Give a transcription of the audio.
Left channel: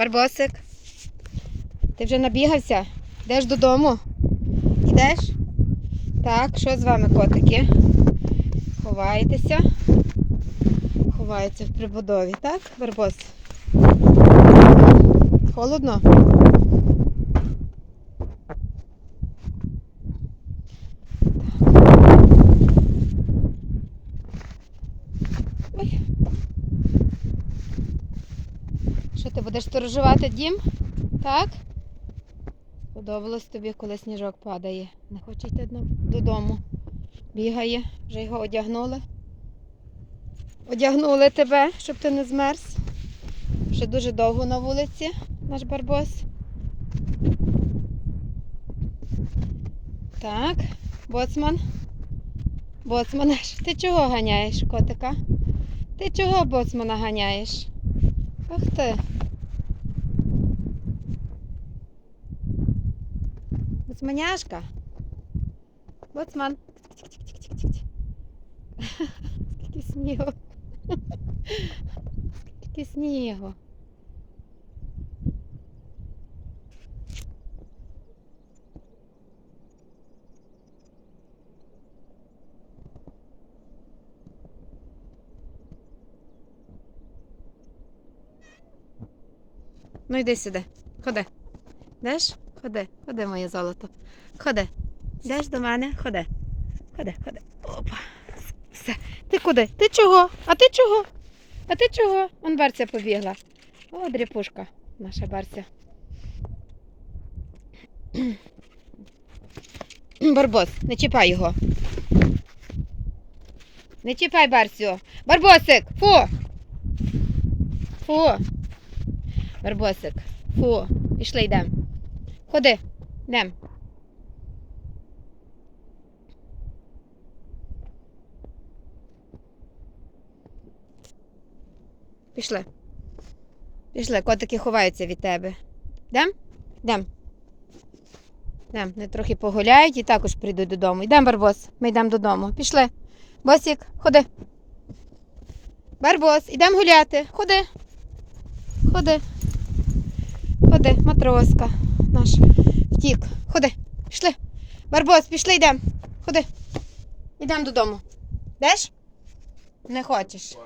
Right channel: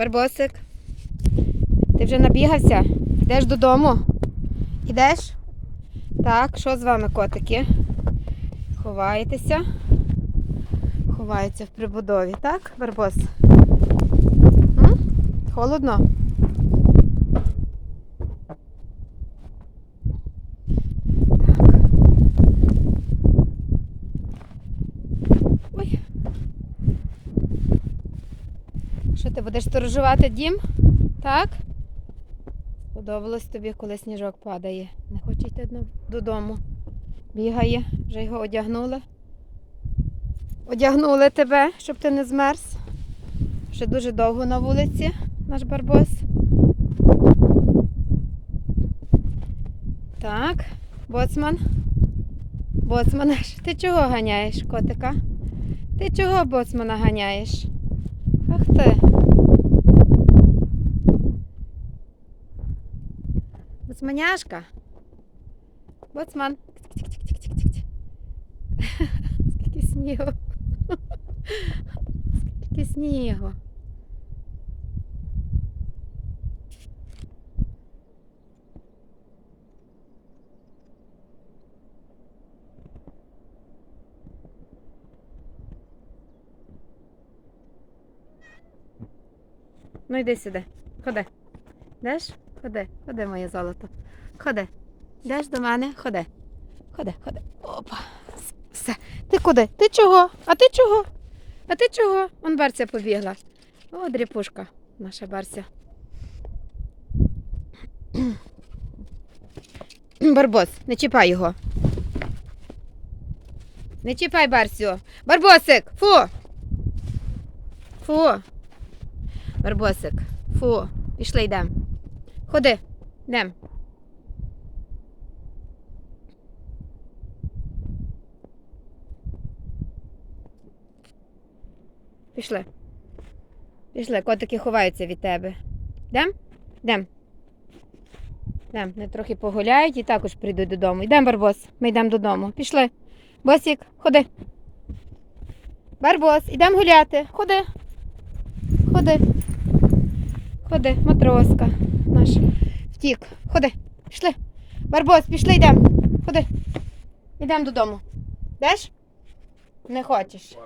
Барбосик. Ти вже набігався? Йдеш додому? Ідеш? Так, що з вами, котики? Ховаєтеся? Ховаються в прибудові, так, Барбос? Холодно? Що ти будеш сторожувати дім? Так? Сподобалось тобі, коли сніжок падає. Не хоче йти додому. Бігає, вже його одягнули. Одягнули тебе, щоб ти не змерз. Ще дуже довго на вулиці наш барбос. Так, боцман. Боцман, ти чого ганяєш, котика? Ти чого боцмана ганяєш? Ах ти. Боцманяшка. Боцман. Скільки снігу. Скільки снігу. Ну йди сюди. Ходи. Йдеш? Ходи, ходи, моє золото. Ходи. Йдеш до мене? Ходи. Ходи, ходи. Опа. Все. Ти куди? Ти чого? А ти чого? А ти чого? Он Барця побігла. О, дріпушка, наша Барця. Барбос, не чіпай його. Не чіпай Барсю. Барбосик! Фу! Фу! Барбосик. Фу, пішли йдемо. Ходи, йдемо. Пішли. Пішли, котики ховаються від тебе. Йдем? Йдем. Йдем, вони трохи погуляють і також прийдуть додому. Йдемо, Барбос, ми йдемо додому. Пішли. Босік, ходи. Барбос, йдемо гуляти. Ходи. Ходи. Ходи, матроска наш втік. Ходи, пішли. Барбос, пішли йдемо. Ходи. Йдемо додому. Йдеш? Не хочеш.